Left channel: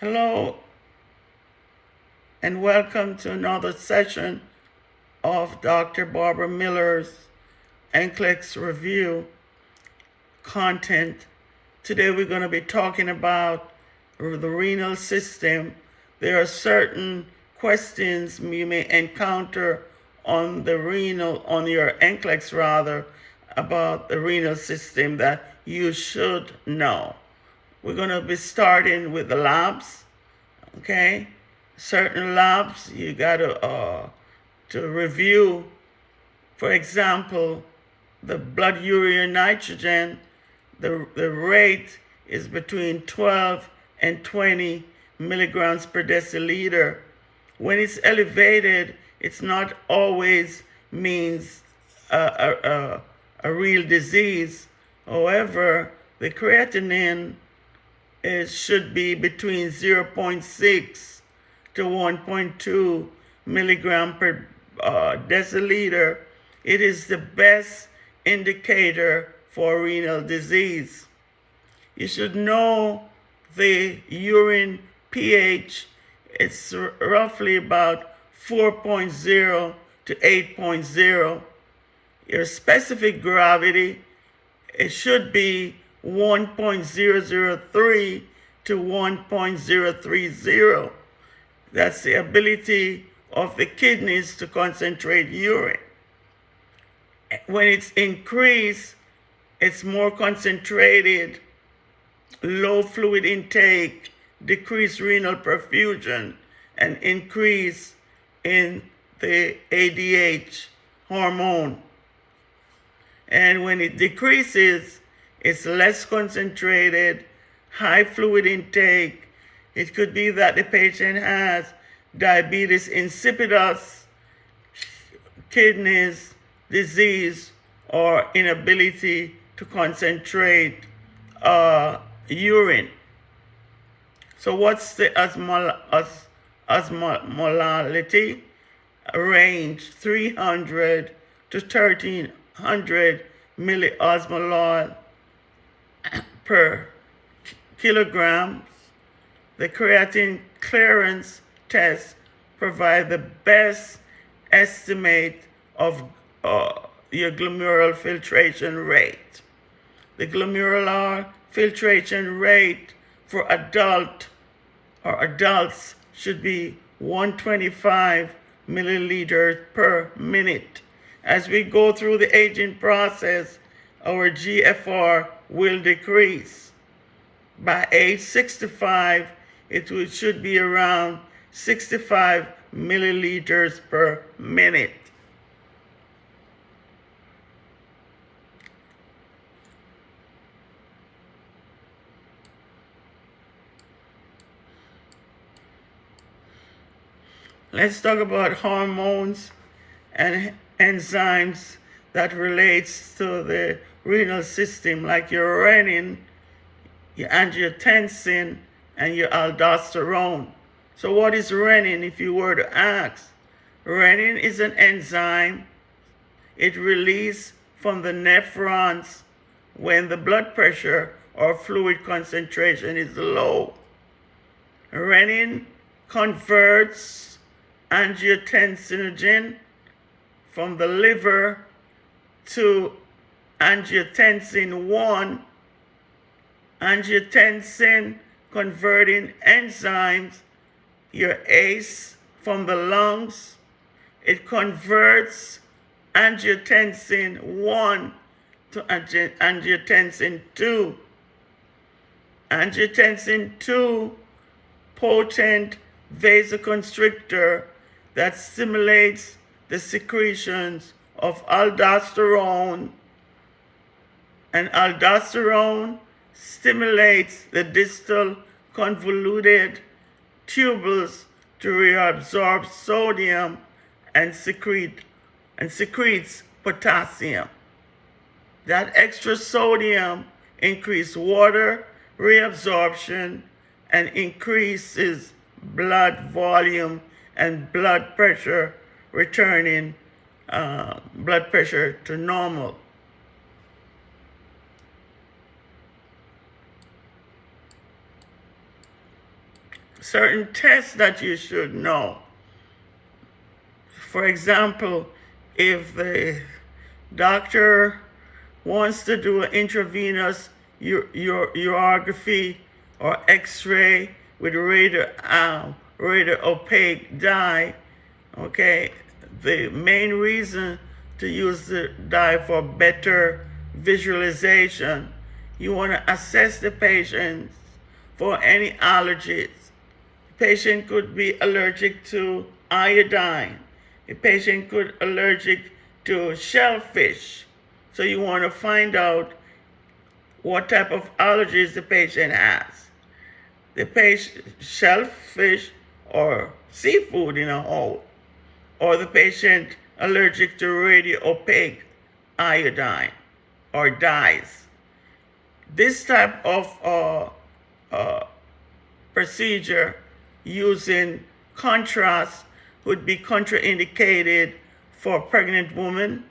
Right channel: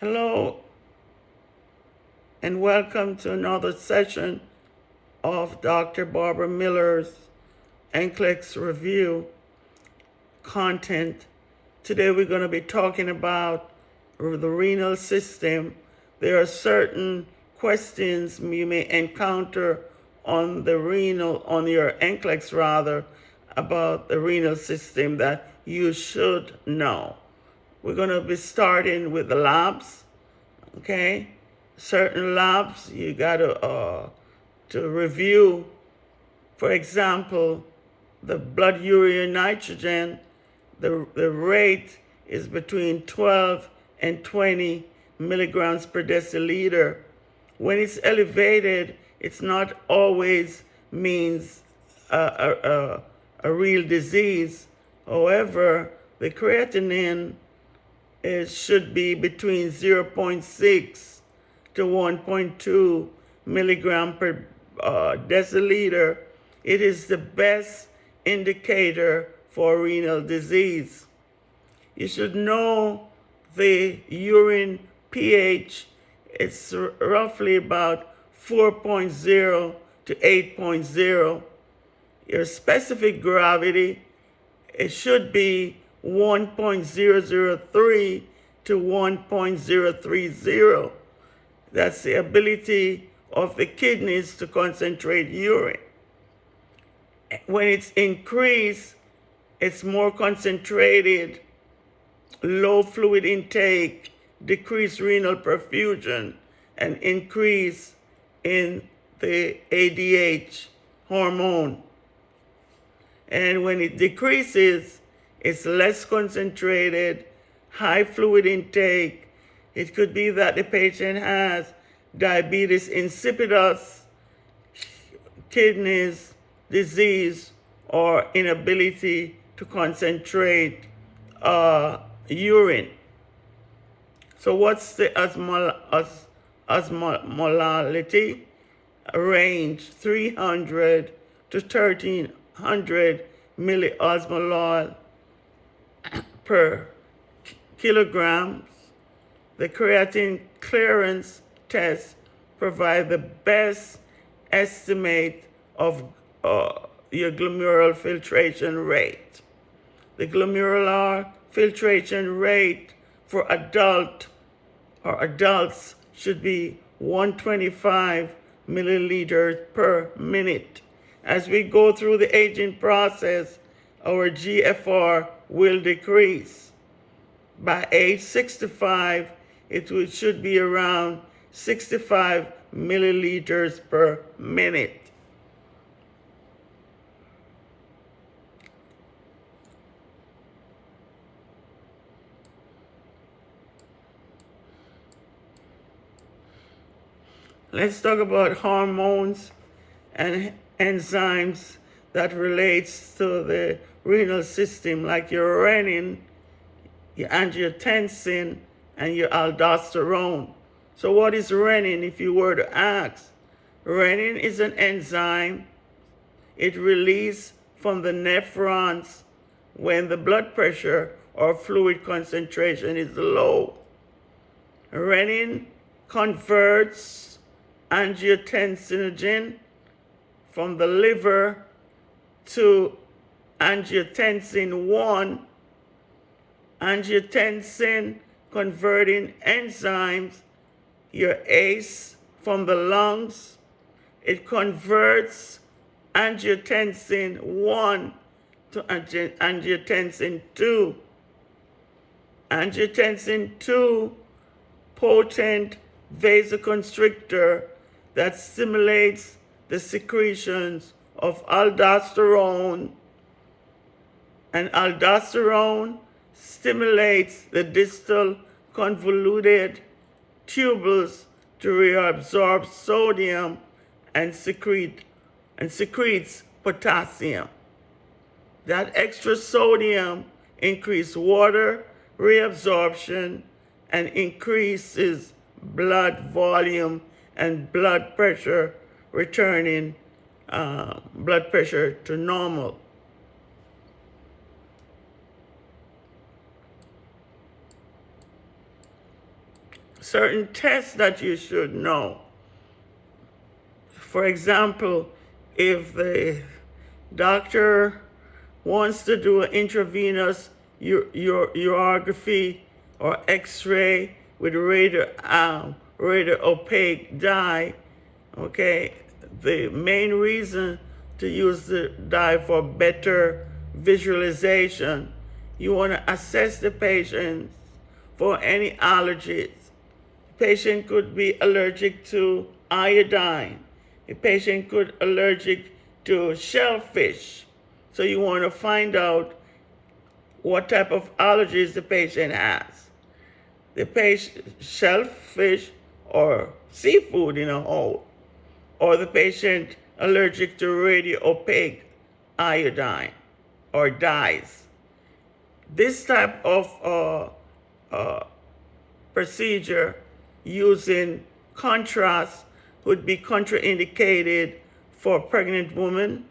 Hello and welcome to another session of Dr. Barbara Miller's NCLEX review content. Today we're going to be talking about the renal system. There are certain questions you may encounter on your NCLEX about the renal system that you should know. We're going to be starting with the labs, okay? Certain labs you got to review. For example, the blood urea nitrogen, the rate is between 12 and 20 milligrams per deciliter. When it's elevated, it's not always means a real disease. However, the creatinine should be between 0.6 to 1.2 milligram per deciliter. It is the best indicator for renal disease. You should know the urine pH. It's roughly about 4.0 to 8.0. Your specific gravity, it should be 1.003 to 1.030. That's the ability of the kidneys to concentrate urine. When it's increased, it's more concentrated, low fluid intake, decreased renal perfusion, and increase in the ADH hormone. And when it decreases, it's less concentrated, high fluid intake. It could be that the patient has diabetes insipidus, kidneys disease, or inability to concentrate urine. So what's the osmolality range? 300 to 1300 milliosmolol per kilogram. The creatinine clearance test provides the best estimate of your glomerular filtration rate. The glomerular filtration rate for adults should be 125 milliliters per minute. As we go through the aging process, our GFR will decrease. By age 65, it should be around 65 milliliters per minute. Let's talk about hormones and enzymes that relates to the renal system, like your renin, your angiotensin, and your aldosterone. So what is renin, if you were to ask? Renin is an enzyme. It releases from the nephrons when the blood pressure or fluid concentration is low. Renin converts angiotensinogen from the liver to angiotensin 1. Angiotensin converting enzymes, your ACE from the lungs, it converts angiotensin 1 to angiotensin 2. Angiotensin 2, potent vasoconstrictor that stimulates the secretions of aldosterone, and aldosterone stimulates the distal convoluted tubules to reabsorb sodium and secretes potassium. That extra sodium increases water reabsorption and increases blood volume and blood pressure, returning blood pressure to normal. certain tests that you should know. For example, if the doctor wants to do an intravenous urography or x-ray with radio opaque dye, okay, the main reason to use the dye for better visualization, you want to assess the patient for any allergies. The patient could be allergic to iodine. A patient could be allergic to shellfish. So you want to find out what type of allergies the patient has. The patient, shellfish or seafood in a whole, or the patient allergic to radio opaque iodine or dyes. This type of procedure using contrast would be contraindicated for pregnant women.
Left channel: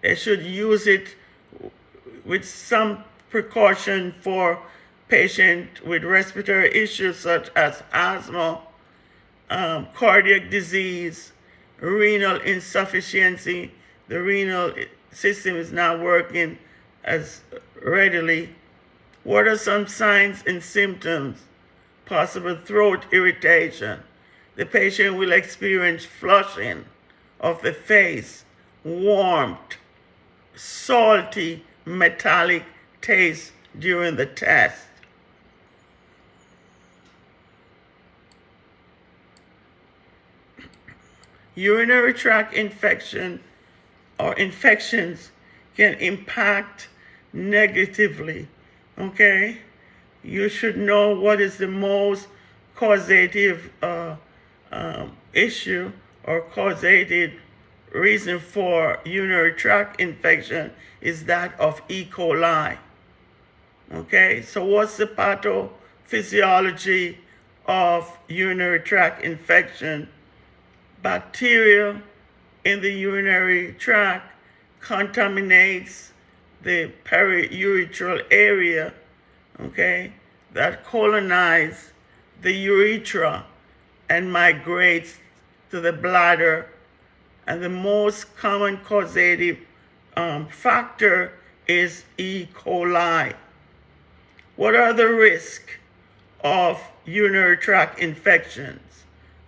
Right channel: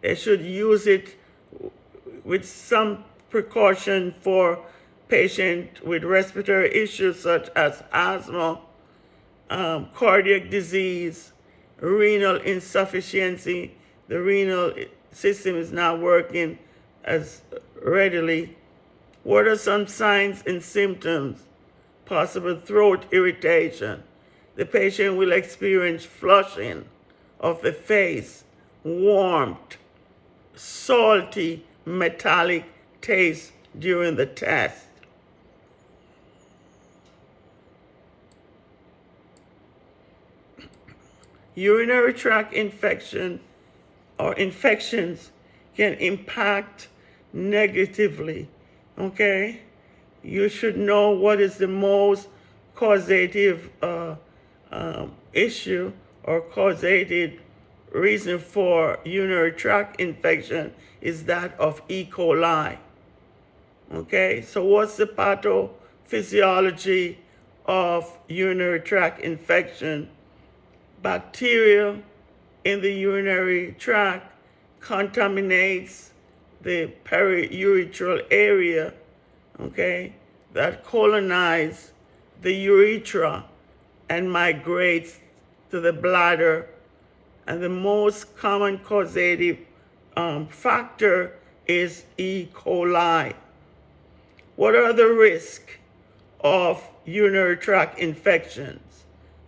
They should use it with some precaution for patients with respiratory issues such as asthma, cardiac disease, renal insufficiency. The renal system is not working as readily. What are some signs and symptoms? Possible throat irritation. The patient will experience flushing of the face, warmth, salty, metallic taste during the test. Urinary tract infection or infections can impact negatively, okay? You should know what is the most causative issue or causative reason for urinary tract infection is that of E. coli. Okay, so what's the pathophysiology of urinary tract infection? Bacteria in the urinary tract contaminates the periurethral area, okay, that colonize the urethra and migrates to the bladder. And the most common causative factor is E. coli. What are the risks of urinary tract infections?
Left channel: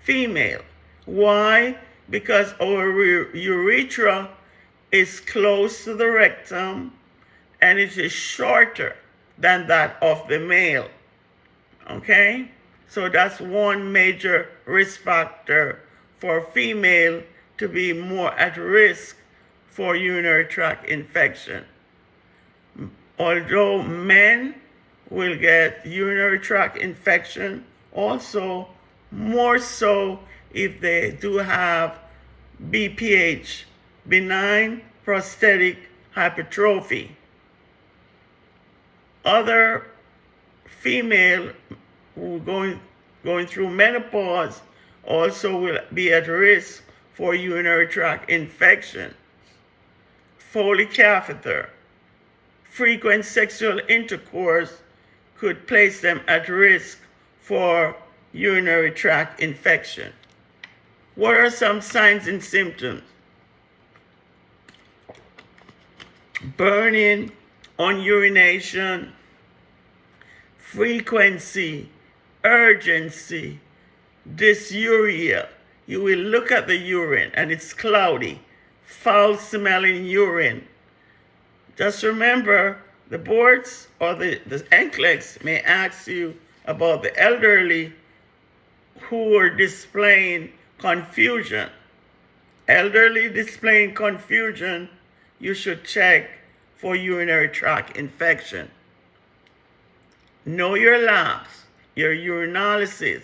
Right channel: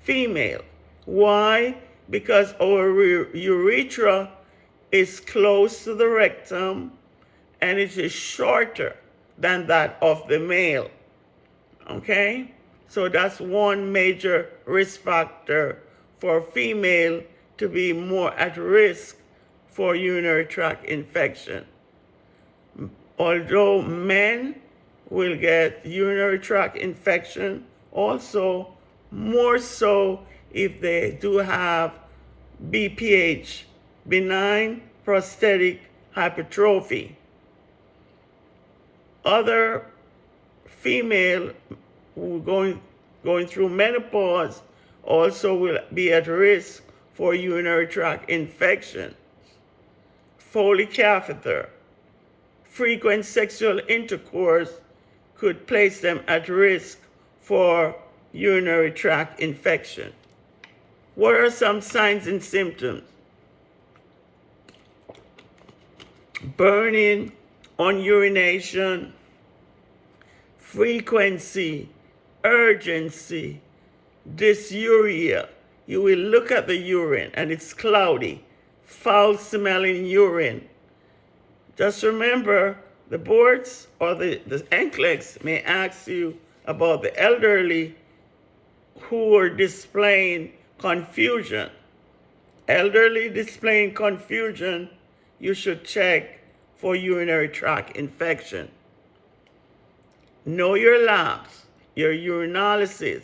Female. Why? Because our urethra is close to the rectum and it is shorter than that of the male. Okay? So that's one major risk factor for female to be more at risk for urinary tract infection. Although men will get urinary tract infection, also more so if they do have BPH, benign prostatic hypertrophy. Other female who going through menopause also will be at risk for urinary tract infection. Foley catheter, frequent sexual intercourse could place them at risk for urinary tract infection. What are some signs and symptoms? Burning on urination, frequency, urgency, dysuria. You will look at the urine and it's cloudy, foul smelling urine. Just remember, the boards or the NCLEX may ask you about the elderly who are displaying confusion. Elderly displaying confusion, you should check for urinary tract infection. Know your labs, your urinalysis,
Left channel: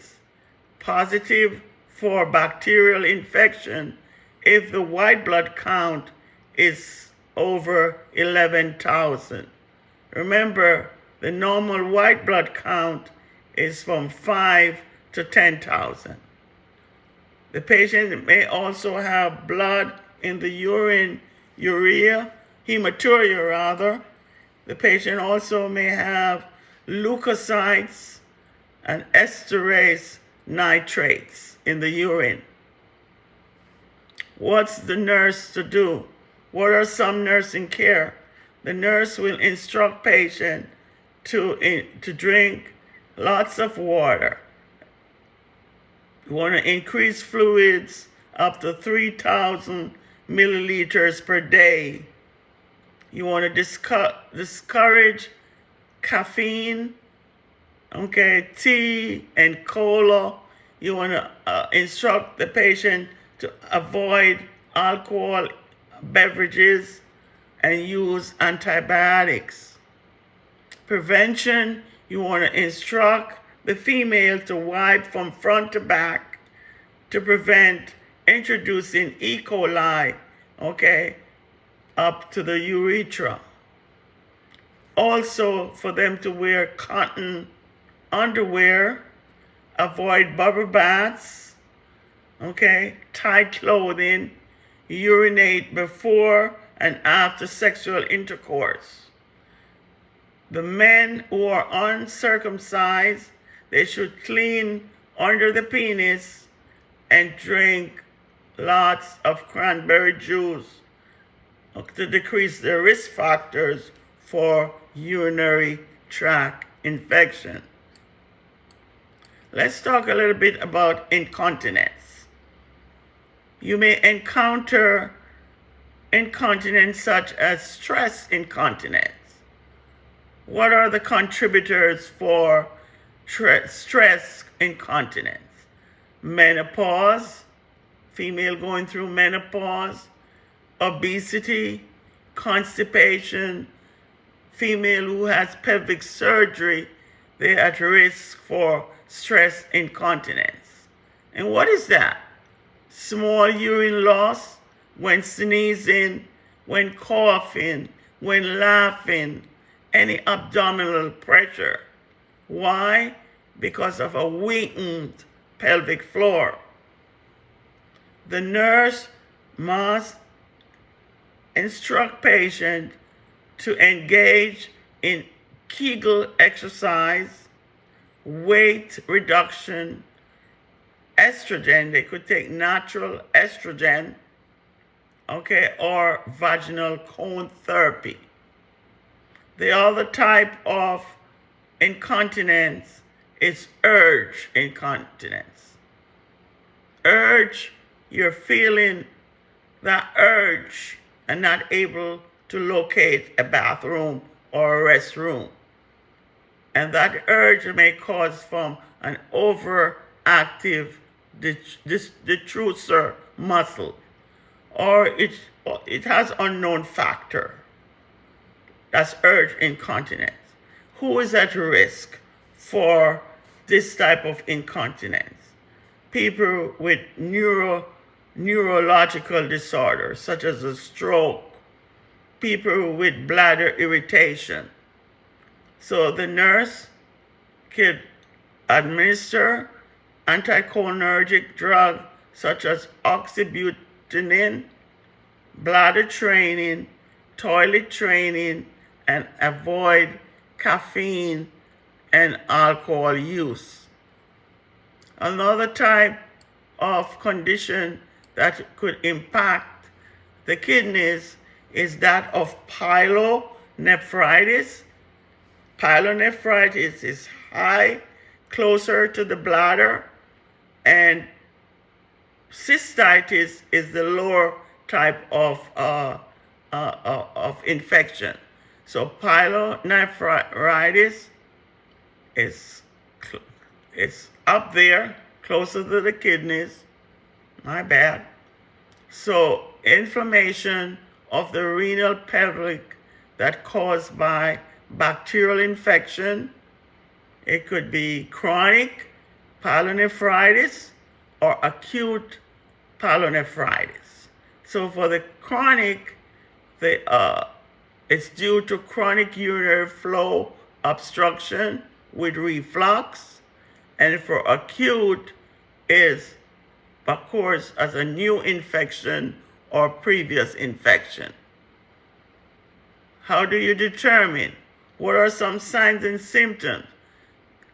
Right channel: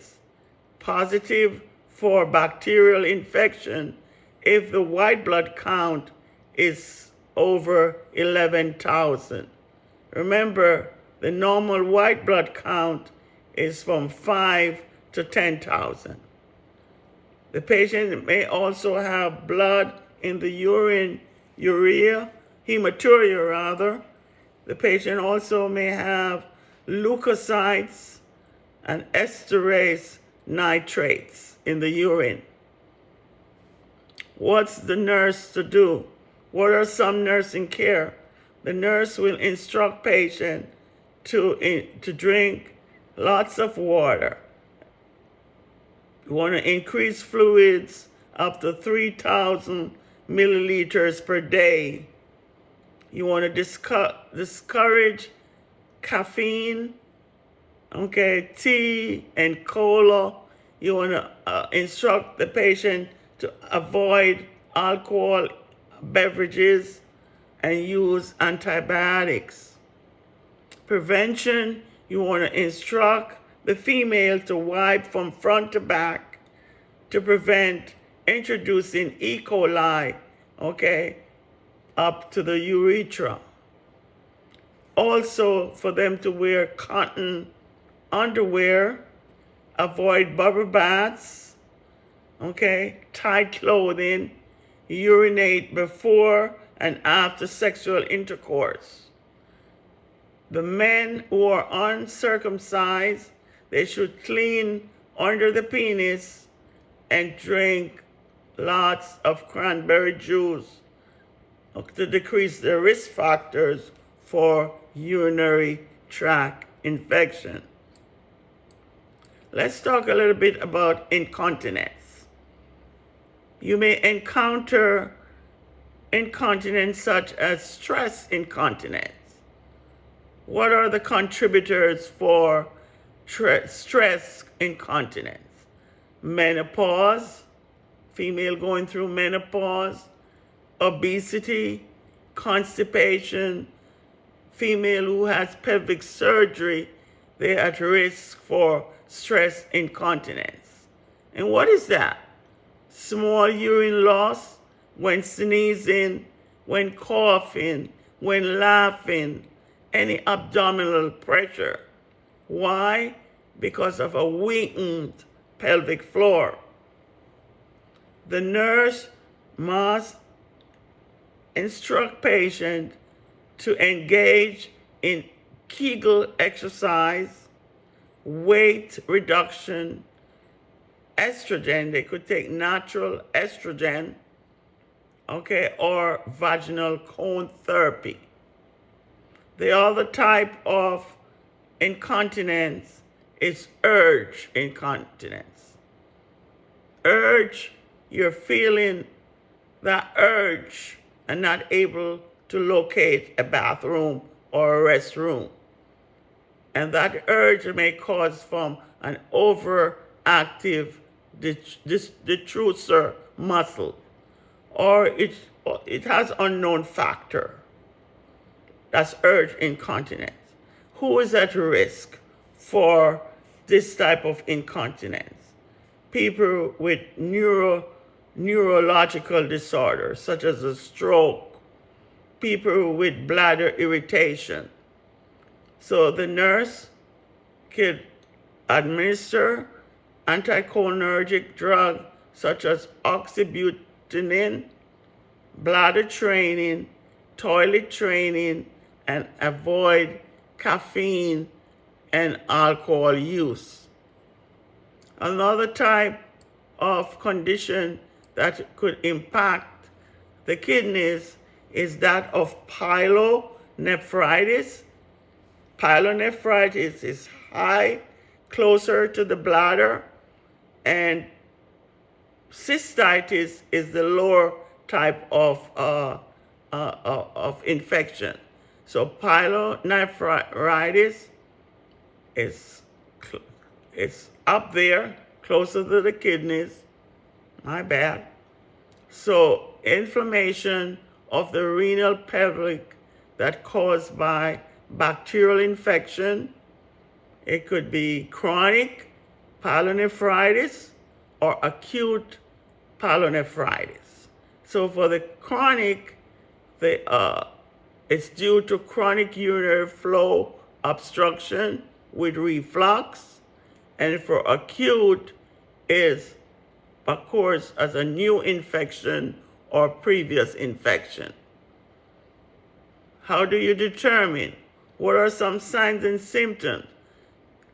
positive for bacterial infection if the white blood count is over 11,000. Remember, the normal white blood count is from 5 to 10,000. The patient may also have blood in the urine, hematuria rather. The patient also may have leukocytes and esterase nitrates in the urine. What's the nurse to do? What are some nursing care? The nurse will instruct patient to drink lots of water. You want to increase fluids up to 3,000 milliliters per day. You want to discourage caffeine, tea and cola. You want to instruct the patient to avoid alcohol beverages and use antibiotics. Prevention, you want to instruct the female to wipe from front to back to prevent introducing E. coli, up to the urethra. Also, for them to wear cotton underwear, avoid bubble baths, tight clothing, urinate before and after sexual intercourse. The men who are uncircumcised, they should clean under the penis and drink lots of cranberry juice to decrease the risk factors for urinary tract infection. Let's talk a little bit about incontinence. You may encounter incontinence such as stress incontinence. What are the contributors for stress incontinence? Menopause, female going through menopause, obesity, constipation, female who has pelvic surgery, they're at risk for stress incontinence. And what is that? Small urine loss when sneezing, when coughing, when laughing, any abdominal pressure. Why? Because of a weakened pelvic floor. The nurse must instruct patient to engage in Kegel exercise, weight reduction, estrogen. They could take natural estrogen, or vaginal cone therapy. The other type of incontinence is urge incontinence. Urge, you're feeling that urge and not able to locate a bathroom or a restroom. And that urge may cause from an overactive detrusor muscle, or it has unknown factor. That's urge incontinence. Who is at risk for this type of incontinence? People with neurological disorders, such as a stroke, people with bladder irritation. So the nurse could administer anticholinergic drug such as oxybutynin, bladder training, toilet training, and avoid caffeine and alcohol use. Another type of condition that could impact the kidneys is that of pyelonephritis. Pyelonephritis is high, closer to the bladder, and cystitis is the lower type of infection. So pyelonephritis is up there, closer to the kidneys. My bad. So inflammation of the renal pelvic that caused by bacterial infection. It could be chronic pyelonephritis or acute pyelonephritis. So for the chronic, it's due to chronic urinary flow obstruction with reflux, and for acute is occurs as a new infection or previous infection. How do you determine? What are some signs and symptoms?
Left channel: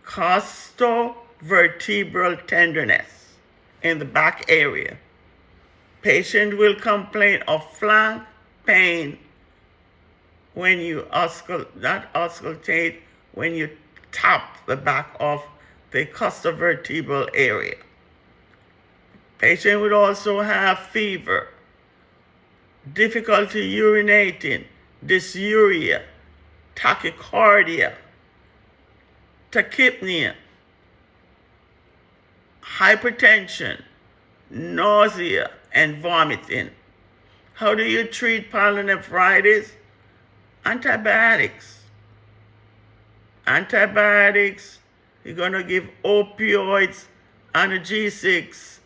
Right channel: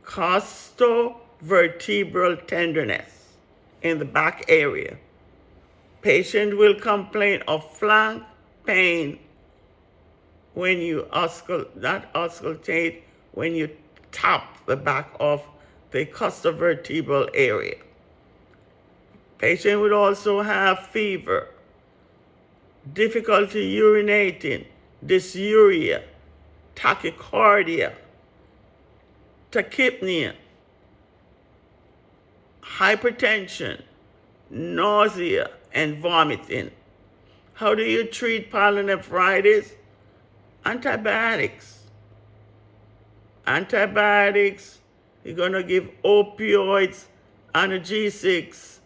Costochondritis vertebral tenderness in the back area. Patient will complain of flank pain when you auscultate, when you tap the back of the costovertebral area. Patient would also have fever, difficulty urinating, dysuria, tachycardia, tachypnea, hypertension, nausea, and vomiting. How do you treat pyelonephritis? Antibiotics. Antibiotics, you're going to give opioids, analgesics.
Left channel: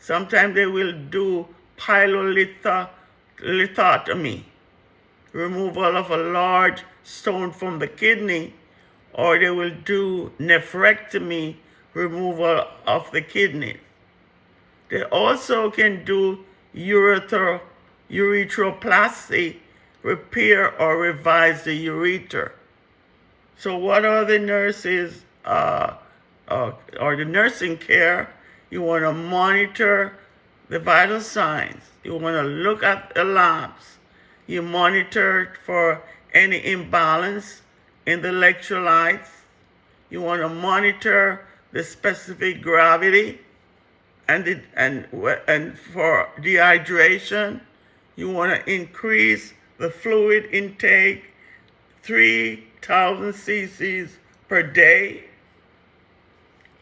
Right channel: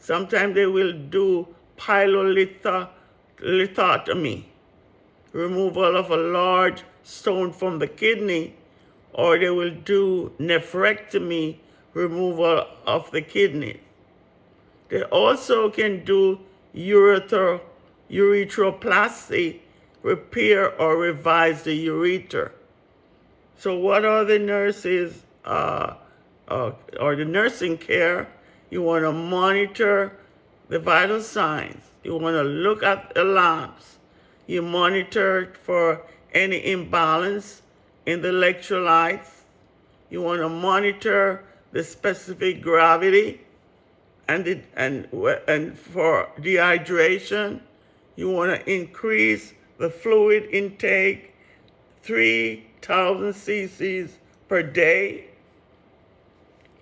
Sometimes they will do pyelolithotomy, removal of a large stone from the kidney, or they will do nephrectomy, removal of the kidney. They also can do urethroplasty, repair or revise the urethra. So what are the nurses or the nursing care? You want to monitor the vital signs. You want to look at the labs. You monitor for any imbalance in the electrolytes. You want to monitor the specific gravity and for dehydration. You want to increase the fluid intake 3,000 cc's per day.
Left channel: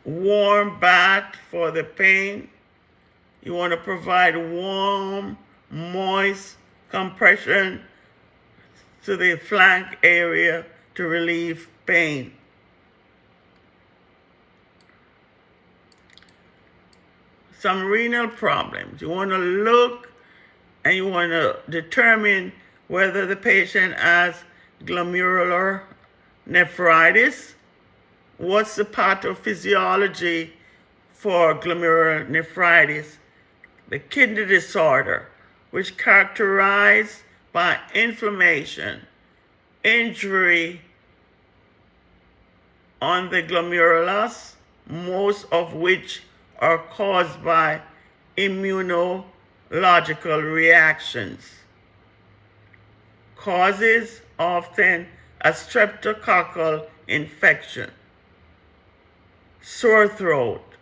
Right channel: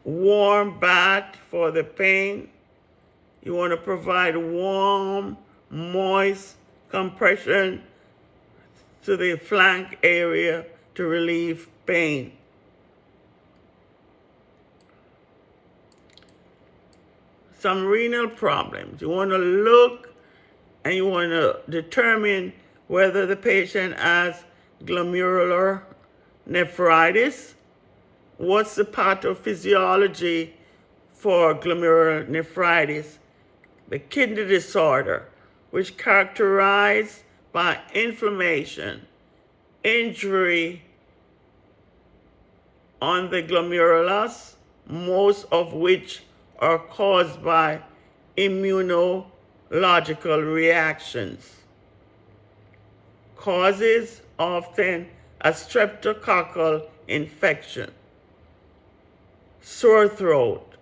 Warm bath for the pain. You want to provide warm, moist compression to the flank area to relieve pain. Some renal problems. You want to look and you want to determine whether the patient has glomerular nephritis. What's the pathophysiology for glomerular nephritis? The kidney disorder, which characterized by inflammation, injury on the glomerulus, most of which are caused by immunological reactions. Causes often a streptococcal infection, sore throat,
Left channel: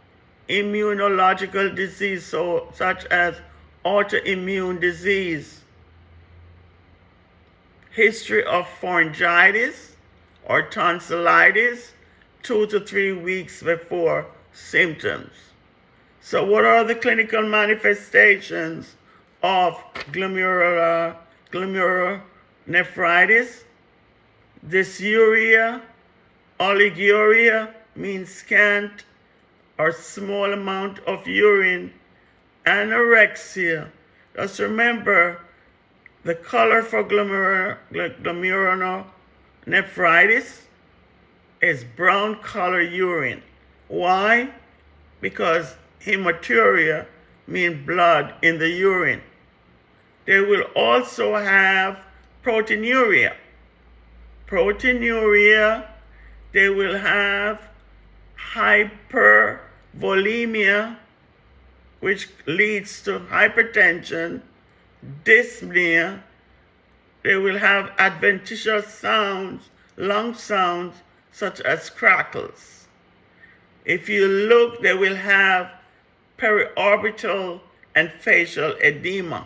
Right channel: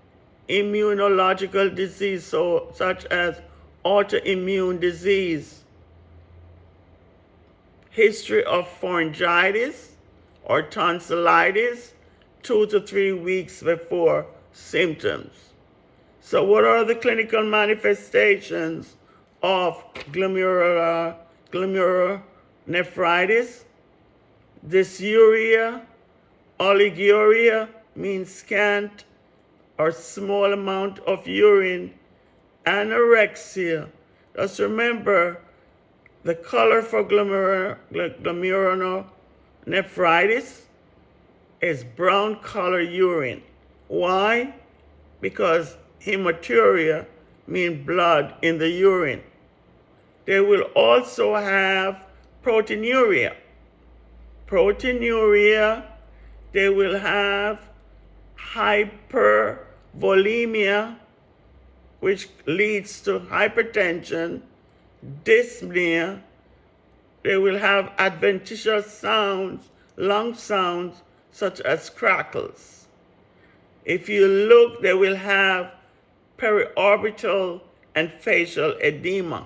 immunological disease such as autoimmune disease, history of pharyngitis or tonsillitis 2 to 3 weeks before symptoms. So what are the clinical manifestations of glomerular nephritis? Dysuria, oliguria means scant or small amount of urine, anorexia. Just remember, the color for glomerular nephritis is brown color urine. Why? Because hematuria means blood in the urine. They will also have proteinuria. Proteinuria, they will have hypervolemia, which leads to hypertension, dyspnea. They will have adventitious sounds, lung sounds, such as crackles. If you look, they will have periorbital and facial edema,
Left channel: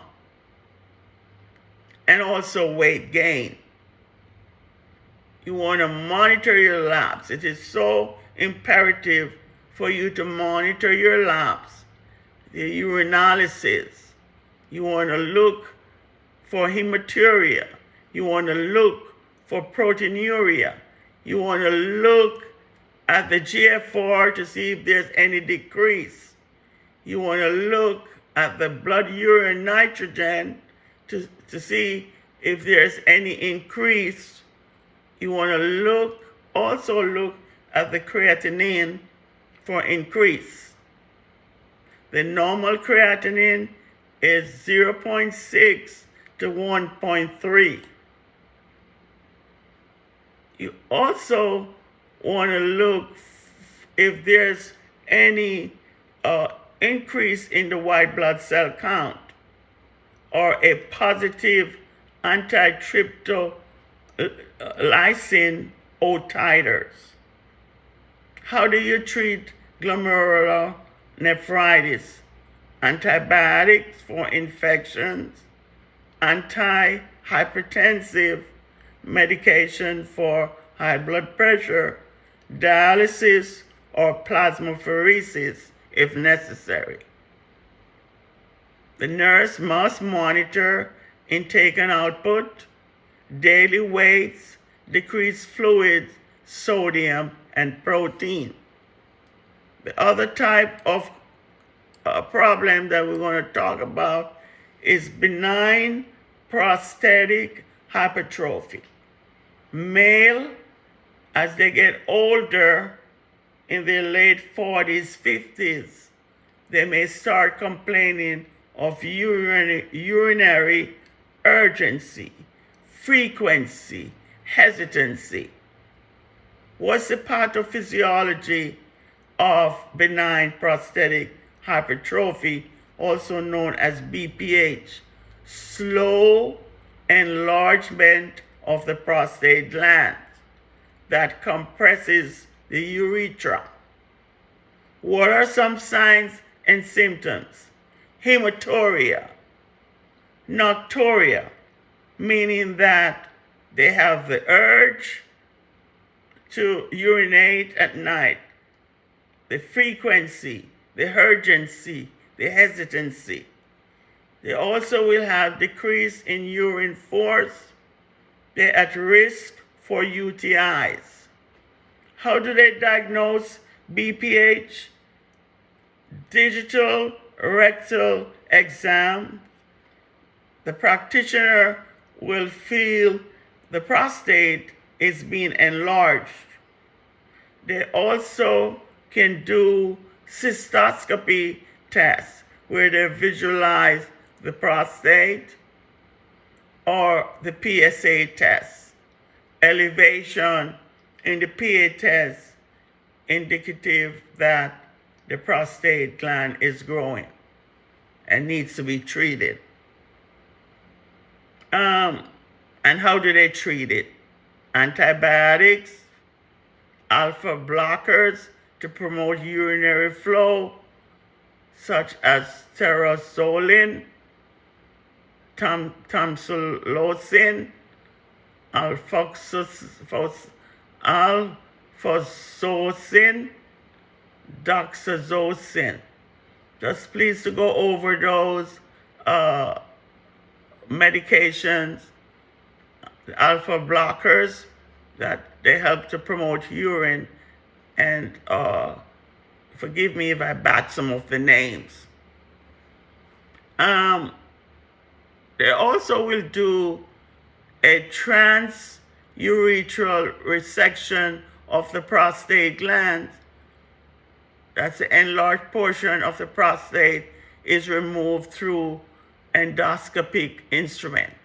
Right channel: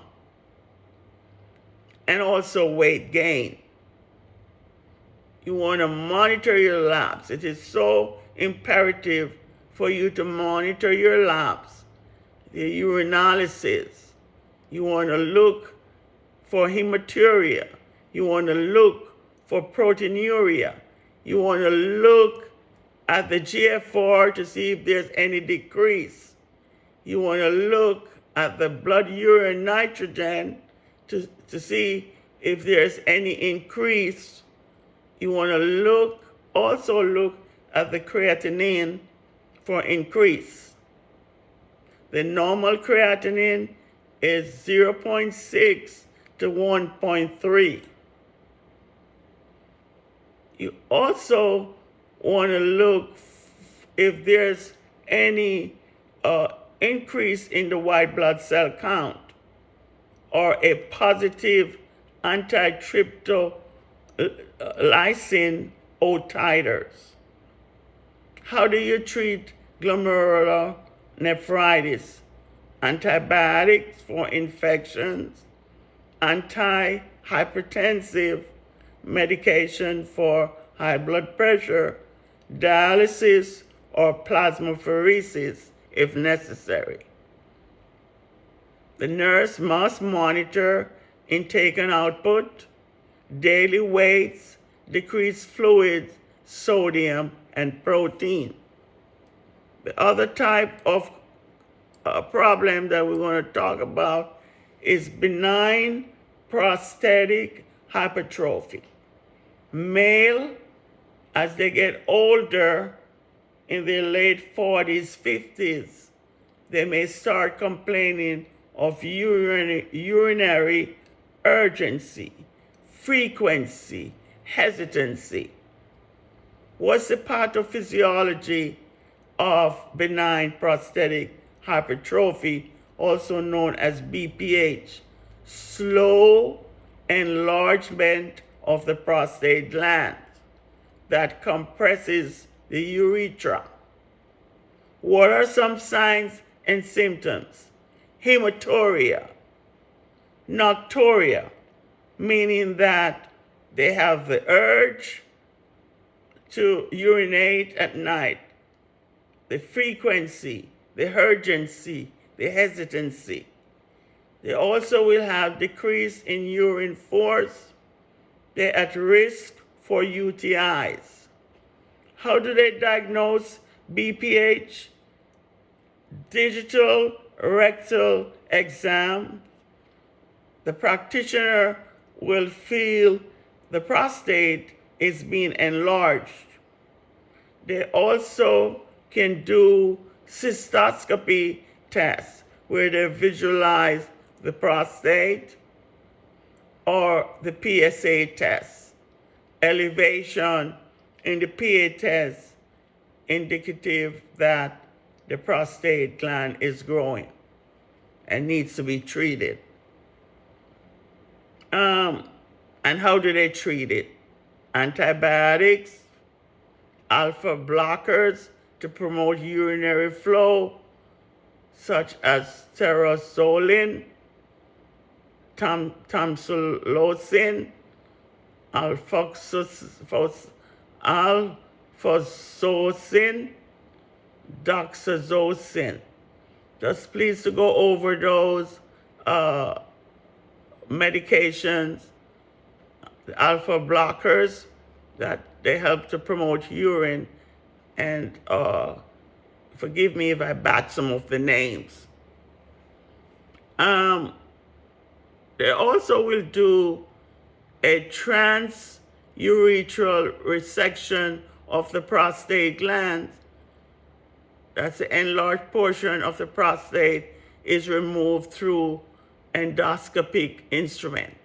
and also weight gain. You want to monitor your labs. It is so imperative for you to monitor your labs, the urinalysis. You want to look for hematuria. You want to look for proteinuria. You want to look at the GFR to see if there's any decrease. You want to look at the blood urine nitrogen to see if there's any increase. You want to also look at the creatinine for increase. The normal creatinine is 0.6 to 1.3. You also want to look if there's any increase in the white blood cell count or a positive antitryptolysin O titers. How do you treat glomerular nephritis? Antibiotics for infections, antihypertensive medication for high blood pressure, dialysis, or plasmapheresis if necessary. The nurse must monitor intake and output, daily weights, decreased fluids, sodium, and protein. The other type of problem that we're going to talk about is benign prostatic hypertrophy. Male, as they get older, in their late 40s, 50s, they may start complaining of urinary urgency, frequency, hesitancy. What's the pathophysiology of benign prostatic hypertrophy, also known as BPH? Slow enlargement of the prostate gland that compresses the urethra. What are some signs and symptoms? Hematuria, nocturia, meaning that they have the urge to urinate at night, the frequency, the urgency, the hesitancy. They also will have decrease in urine force. They're at risk for UTIs. How do they diagnose BPH? Digital rectal exam. The practitioner will feel the prostate is being enlarged. They also can do cystoscopy tests where they visualize the prostate, or the PSA test. Elevation in the PA test indicative that the prostate gland is growing and needs to be treated. And how do they treat it? Antibiotics, alpha blockers to promote urinary flow, such as sterozoline, tamsulosin, alfuzosin, doxazocin. Just please to go over those medications, the alpha blockers, that they help to promote urine, and forgive me if I bat some of the names. They also will do a transurethral resection of the prostate gland. That's the enlarged portion of the prostate is removed through endoscopic instrument.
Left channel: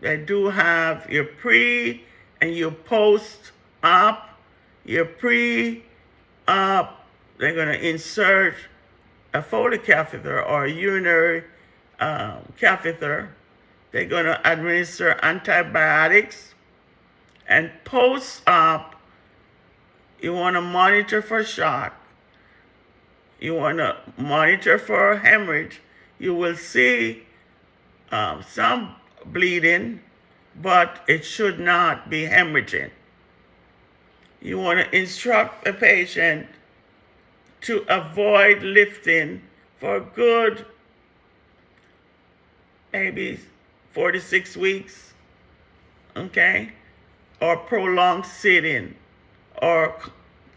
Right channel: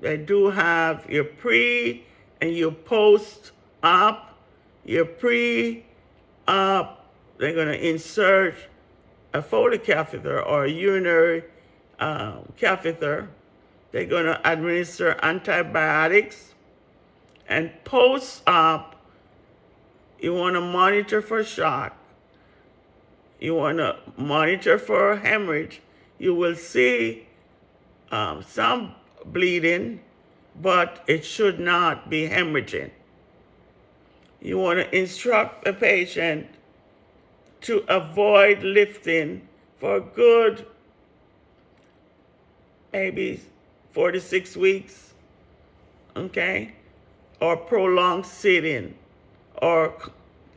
They do have your pre and your post-op. Your pre-op, they're going to insert a Foley catheter or a urinary catheter. They're going to administer antibiotics. And post-op, you want to monitor for shock. You want to monitor for hemorrhage. You will see some bleeding, but it should not be hemorrhaging. You want to instruct a patient to avoid lifting for a good maybe 4 to 6 weeks, okay? Or prolonged sitting or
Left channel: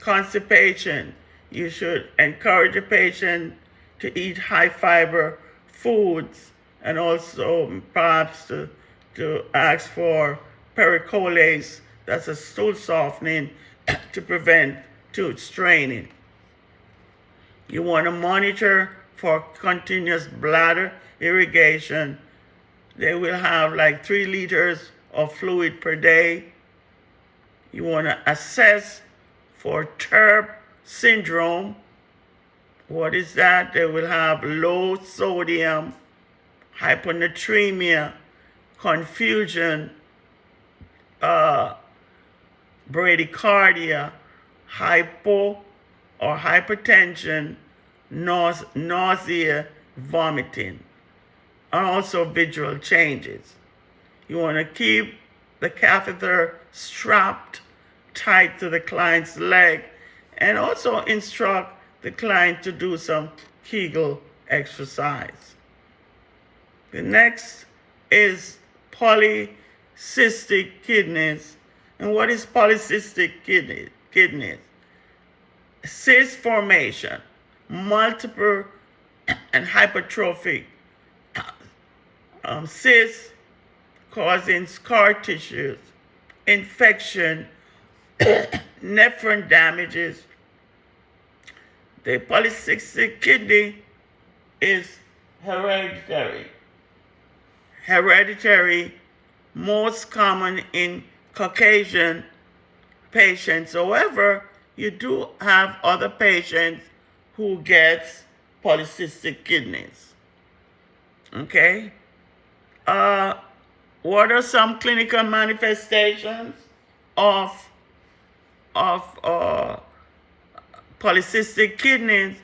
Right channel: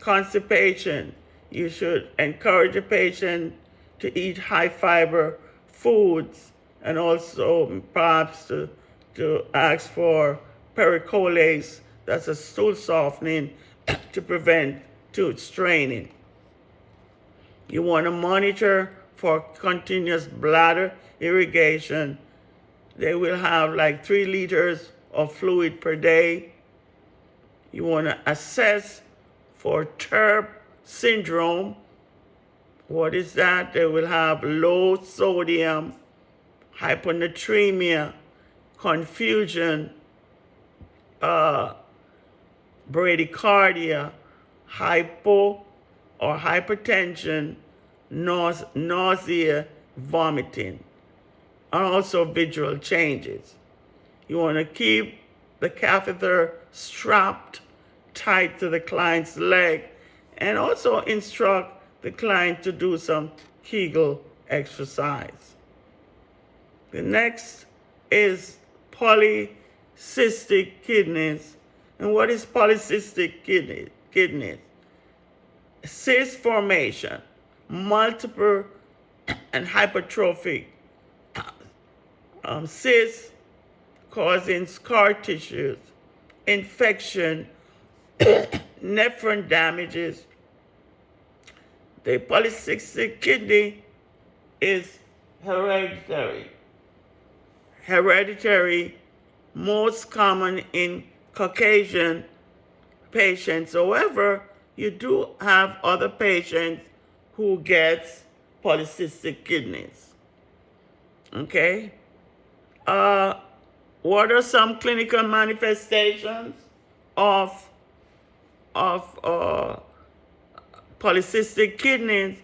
constipation. You should encourage a patient to eat high fiber foods, and also perhaps to ask for pericolase, that's a stool softening, to prevent tooth straining. You want to monitor for continuous bladder irrigation. They will have like 3 liters of fluid per day. You want to assess for TERP syndrome, What is that? They will have low sodium, hyponatremia, confusion, bradycardia, hypo or hypertension, nausea, vomiting, and also visual changes. You want to keep the catheter strapped tight to the client's leg and also instruct the client to do some Kegel exercise. The next is polycystic kidneys. And what is polycystic kidneys? Cyst formation, multiple and hypertrophic cysts causing scar tissues, infection, nephron damages. The polycystic kidney is hereditary. Most common in Caucasian patients. However, you do have other patients who get polycystic kidneys. Okay? What are some clinical manifestations of polycystic kidneys?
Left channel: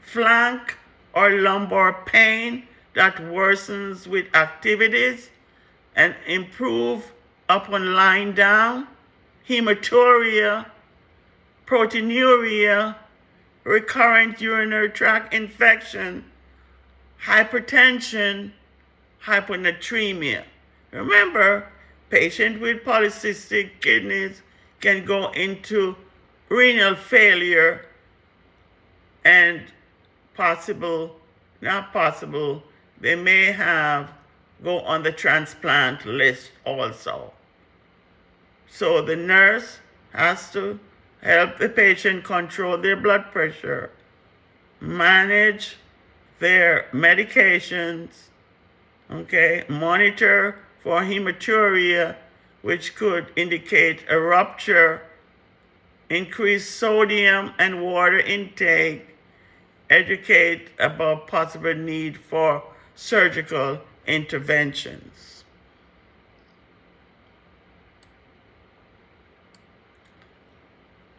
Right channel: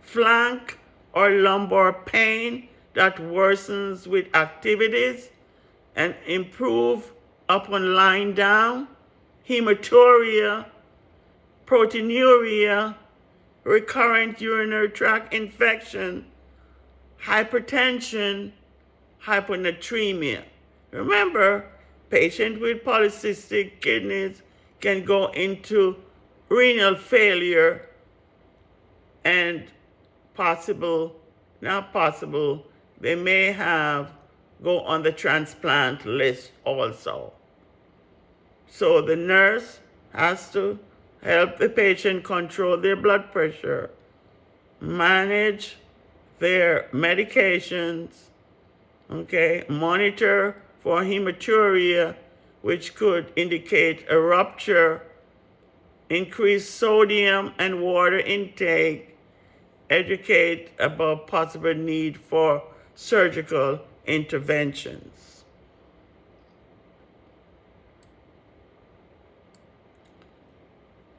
Flank or lumbar pain that worsens with activities and improve upon lying down, hematuria, proteinuria, recurrent urinary tract infection, hypertension, hyponatremia. Remember, patients with polycystic kidneys can go into renal failure and they may go on the transplant list also. So the nurse has to help the patient control their blood pressure, manage their medications, okay, monitor for hematuria, which could indicate a rupture, increase sodium and water intake, educate about possible need for surgical interventions.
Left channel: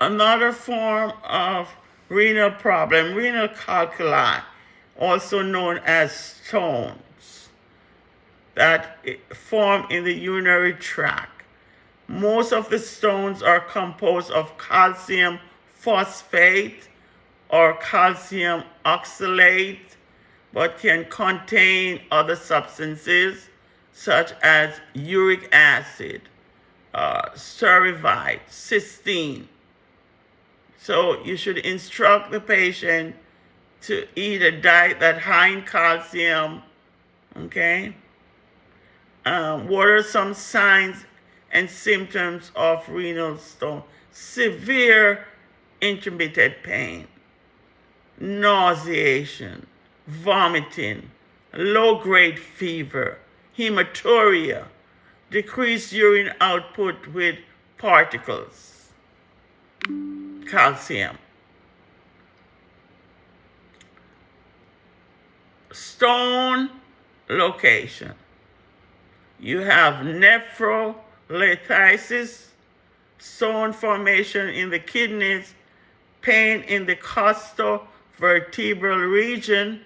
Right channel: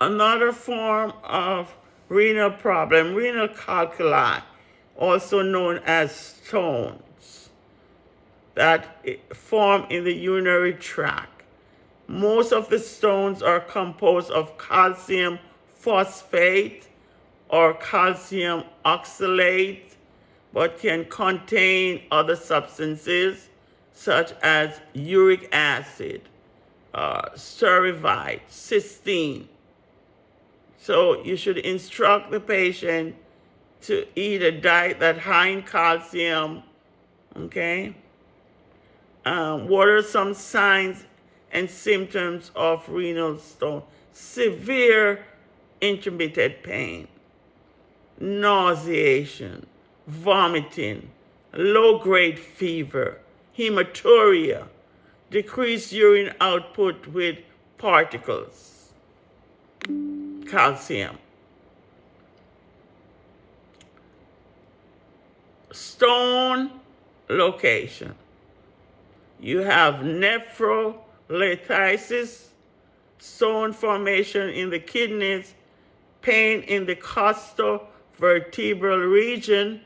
Another form of renal problem, renal calculi, also known as stones, that form in the urinary tract. Most of the stones are composed of calcium phosphate or calcium oxalate, but can contain other substances such as uric acid, cerevite, cysteine. So you should instruct the patient to eat a diet that's high in calcium, okay? What are some signs and symptoms of renal stone? Severe intermittent pain, nauseation, vomiting, low-grade fever, hematuria, decreased urine output with particles, calcium. Stone location. You have nephrolithiasis, stone formation in the kidneys, pain in the costovertebral region,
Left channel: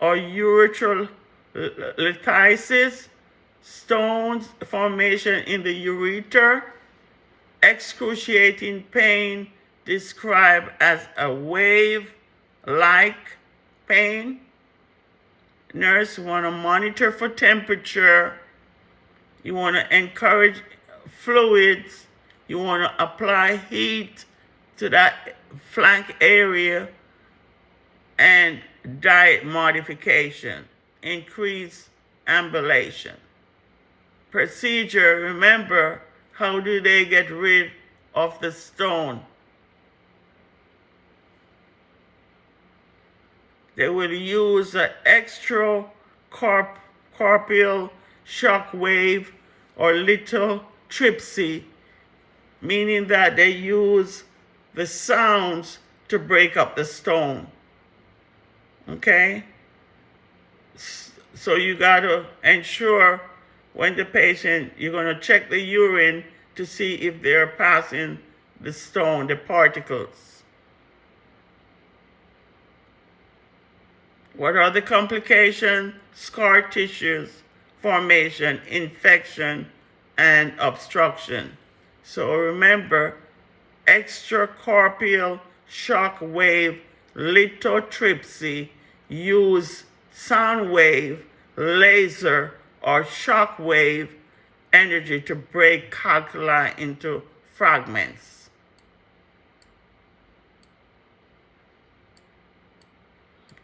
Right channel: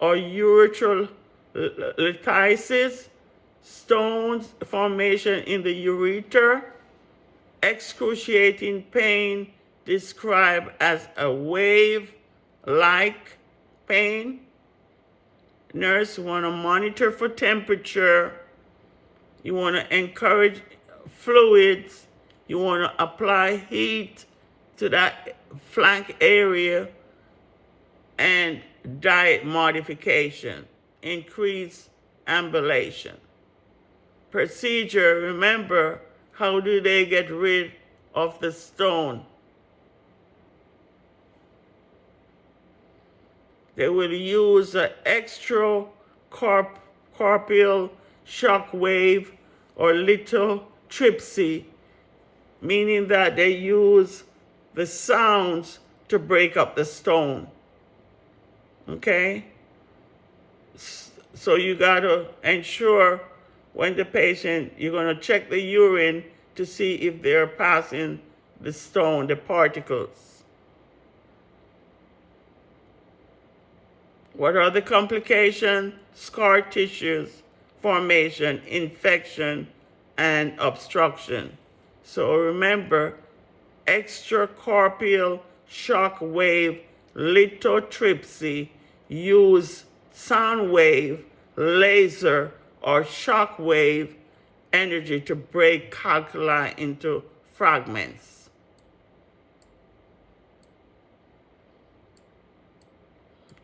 or urethral lithiasis, stones formation in the ureter, excruciating pain described as a wave-like pain. Nurse want to monitor for temperature. You want to encourage fluids. You want to apply heat to that flank area, and diet modification, increase ambulation. Procedure, remember, how do they get rid of the stone? They will use an extracorporeal shock wave or lithotripsy, meaning that they use the sounds to break up the stone. okay? So you got to ensure when the patient, you're going to check the urine to see if they're passing the stone, the particles. What are the complications? Scar tissues, formation, infection, and obstruction. So remember, extracorporeal shock wave lithotripsy use sound wave, laser, or shock wave energy to break calculi into fragments.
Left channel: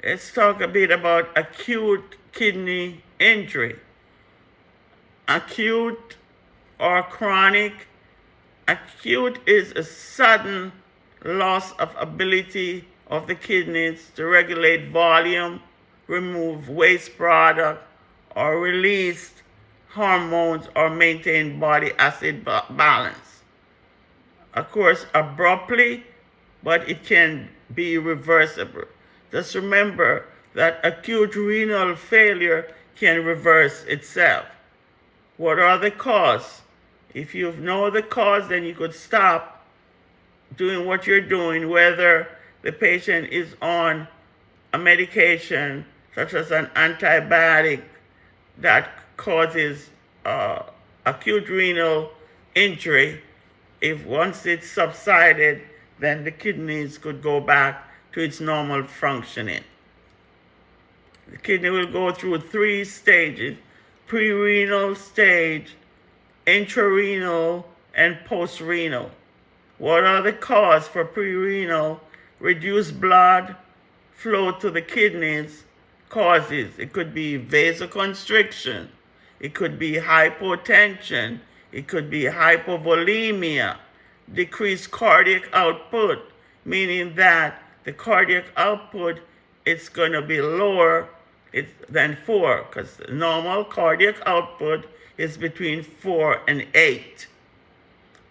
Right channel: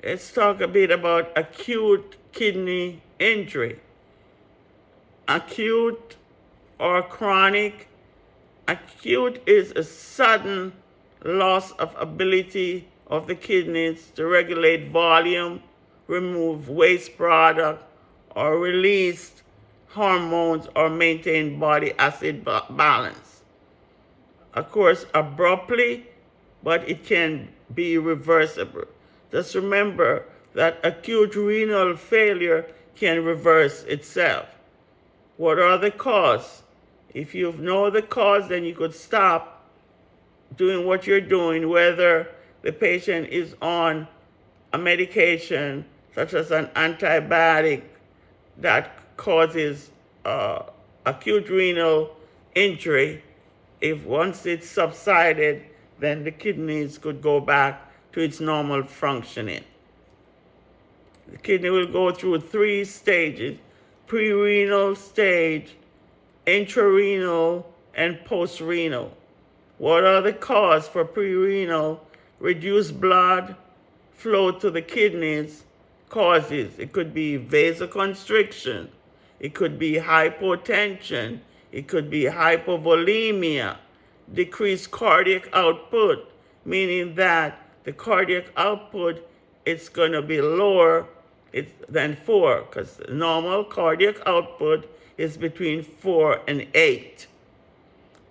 Let's talk a bit about acute kidney injury. Acute or chronic. Acute is a sudden loss of ability of the kidneys to regulate volume, remove waste product, or release hormones or maintain body acid balance. Of course, abruptly, but it can be reversible. Just remember that acute renal failure can reverse itself. What are the causes? If you know the cause, then you could stop doing what you're doing, whether the patient is on a medication such as an antibiotic that causes acute renal injury. If once it's subsided, then the kidneys could go back to its normal functioning. The kidney will go through 3 stages: pre-renal stage, intrarenal, and post-renal. What are the causes for pre-renal? Reduced blood flow to the kidneys causes. It could be vasoconstriction. It could be hypotension. It could be hypovolemia. Decreased cardiac output, meaning that the cardiac output is going to be lower than 4, because normal cardiac output is between 4 and 8.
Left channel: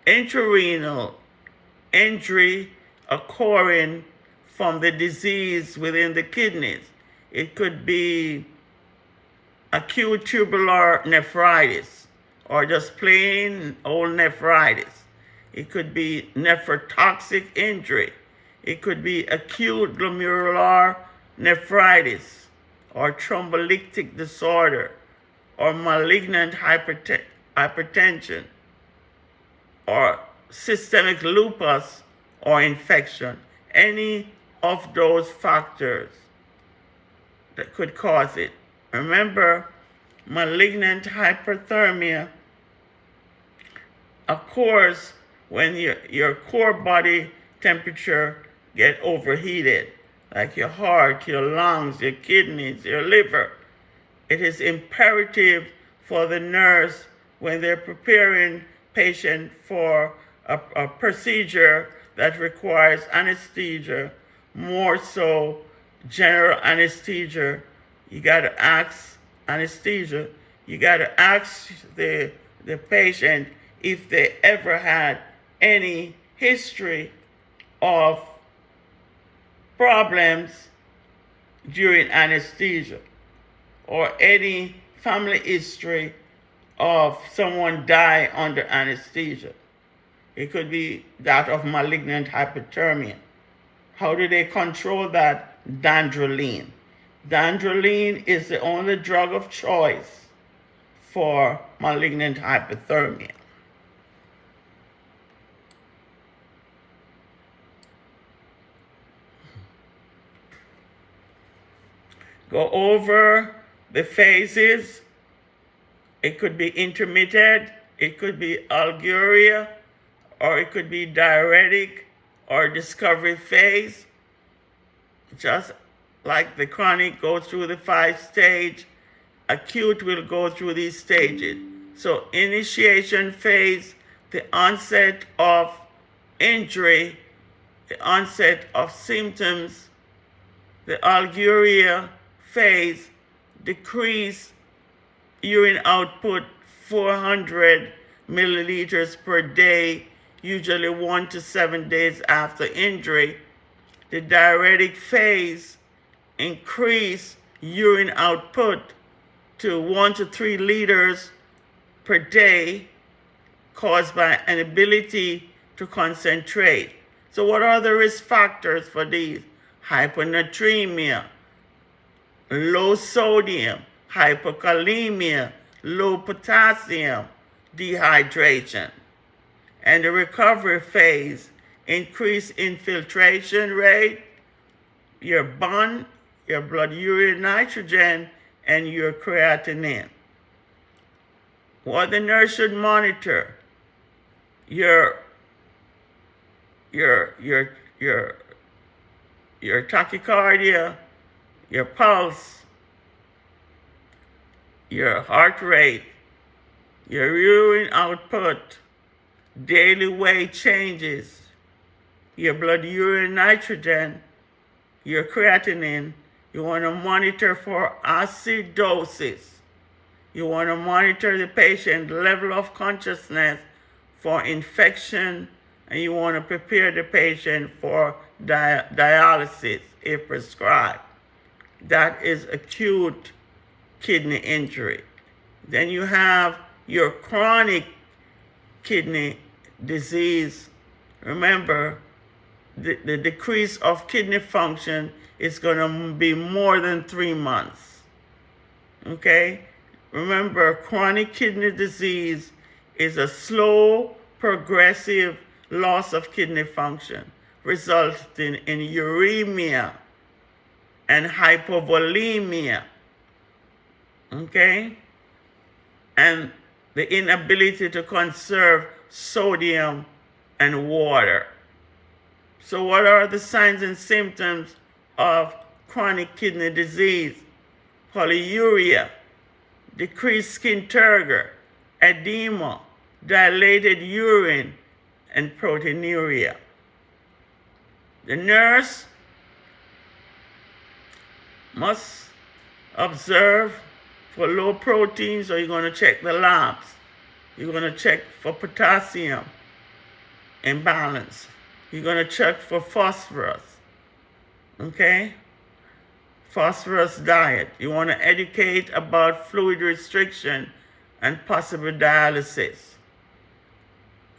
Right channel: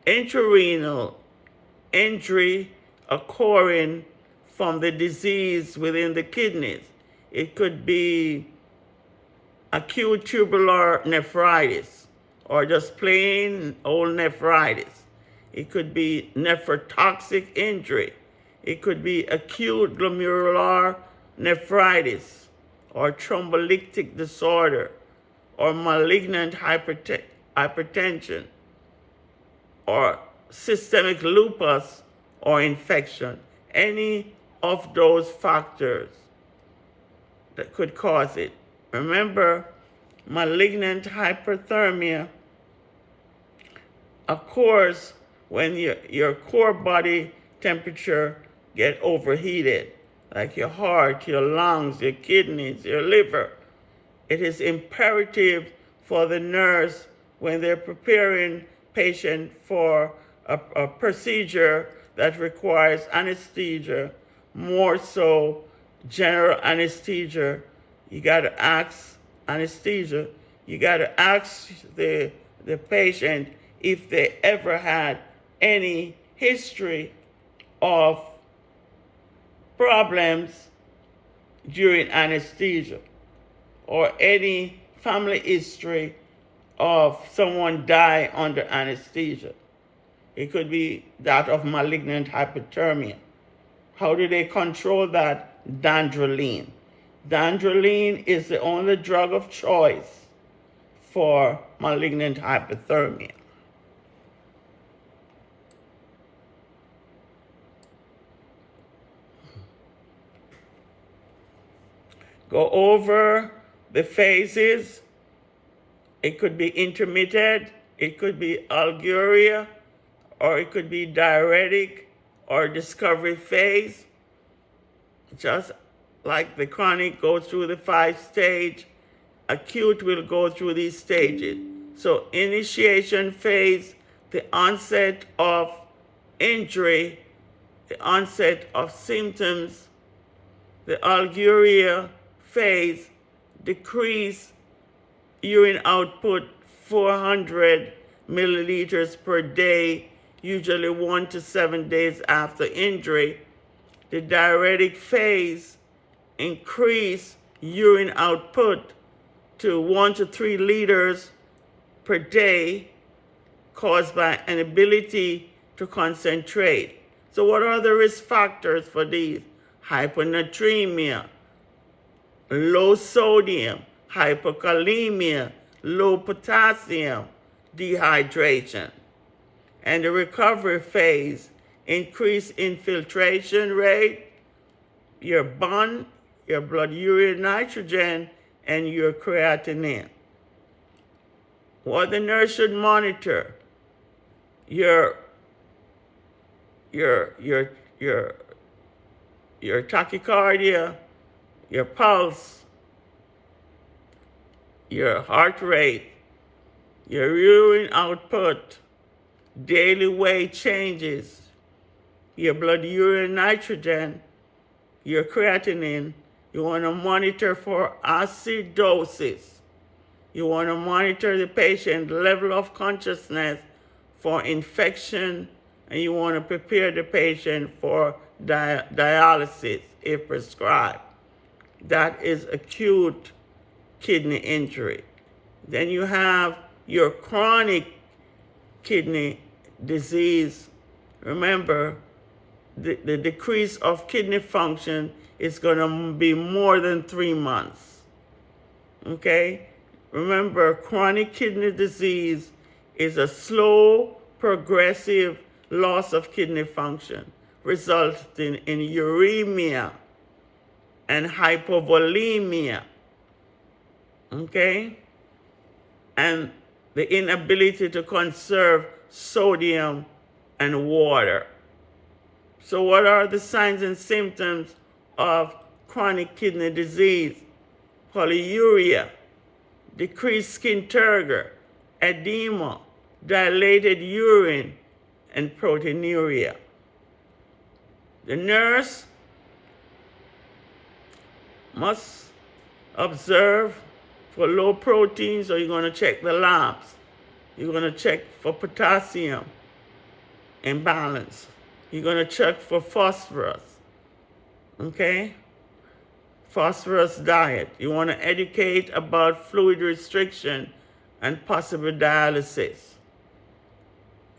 Intrarenal injury occurring from the disease within the kidneys. It could be acute tubular nephritis or just plain old nephritis. It could be nephrotoxic injury. It could be acute glomerular nephritis or thrombolytic disorder or malignant hypertension or systemic lupus or infection. Any of those factors that could cause it. Remember, malignant hyperthermia occurs when your core body temperature get overheated, like your heart, your lungs, your kidneys, your liver. It is imperative for the nurse, when they're preparing patient for a procedure that requires anesthesia, more so general anesthesia, you got to ask anesthesia, you got to ask the patient if they ever had any history of problems during anesthesia or any family history of someone die under anesthesia. It could be that of malignant hyperthermia. How do they control that? Dantrolene. Dantrolene is the only drug of choice for malignant hyperthermia. Go over the phases. It could be intermittent, it could be algeria, or it could be diuretic or discovery phase. Just like the chronic goes through the 5 stage, acute will go through these stages. So initiation phase, the onset of injury, the onset of symptoms, the algeria phase, decrease urine output 400 milliliters per day, usually 1 to 7 days after injury. The diuretic phase, increase urine output to 1 to 3 liters per day caused by an inability to concentrate. So what are the risk factors for these? Hyponatremia, low sodium, hypokalemia, low potassium, dehydration. And the recovery phase, increased infiltration rate, your BUN, your blood urea nitrogen, and your creatinine. What the nurse should monitor: your tachycardia, your pulse, your heart rate, your urine output, daily weight changes, your blood urea nitrogen, your creatinine. You want to monitor for acidosis. You want to monitor the patient's level of consciousness for infection, and you want to prepare the patient for dialysis if prescribed. That is acute kidney injury. Then you have your chronic kidney disease. Remember, the decrease of kidney function is going to be more than 3 months. Okay? Remember, chronic kidney disease is a slow, progressive loss of kidney function, resulting in uremia and hypovolemia. Okay? And the inability to conserve sodium and water. So what are the signs and symptoms of chronic kidney disease? Polyuria, decreased skin turgor, edema, dilated urine, and proteinuria. The nurse must observe for low protein, so you're going to check the labs. You're going to check for potassium imbalance. You're going to check for phosphorus. Okay? Phosphorus diet. You want to educate about fluid restriction and possible dialysis.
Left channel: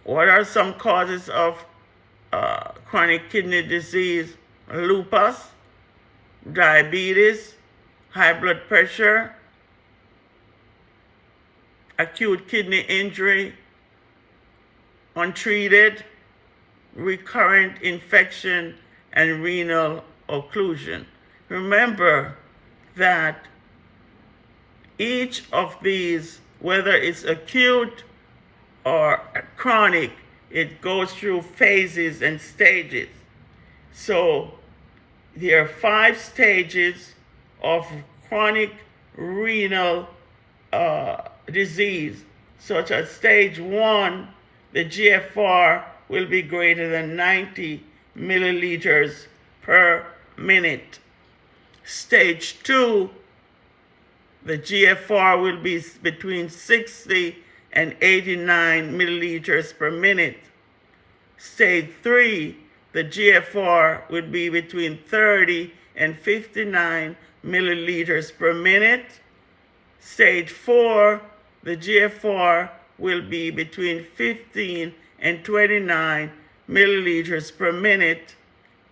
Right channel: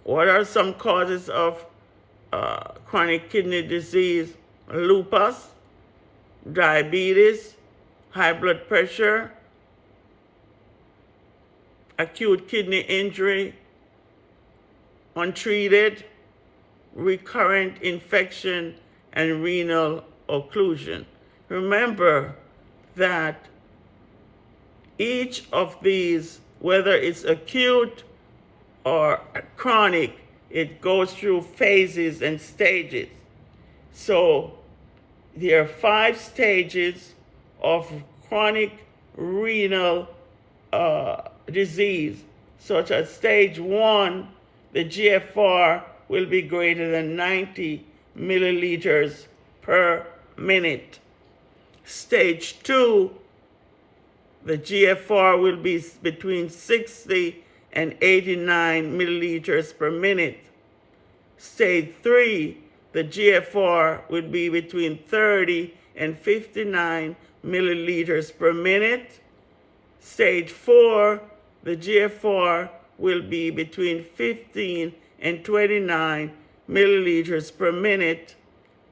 What are some causes of chronic kidney disease? Lupus, diabetes, high blood pressure, acute kidney injury, untreated, recurrent infection, and renal occlusion. Remember that each of these, whether it's acute or chronic, it goes through phases and stages. So there are 5 stages of chronic renal disease, such as stage 1, the GFR will be greater than 90 milliliters per minute. Stage 2, the GFR will be between 60 and 89 milliliters per minute. Stage 3, the GFR would be between 30 and 59 milliliters per minute. Stage 4, the GFR will be between 15 and 29 milliliters per minute.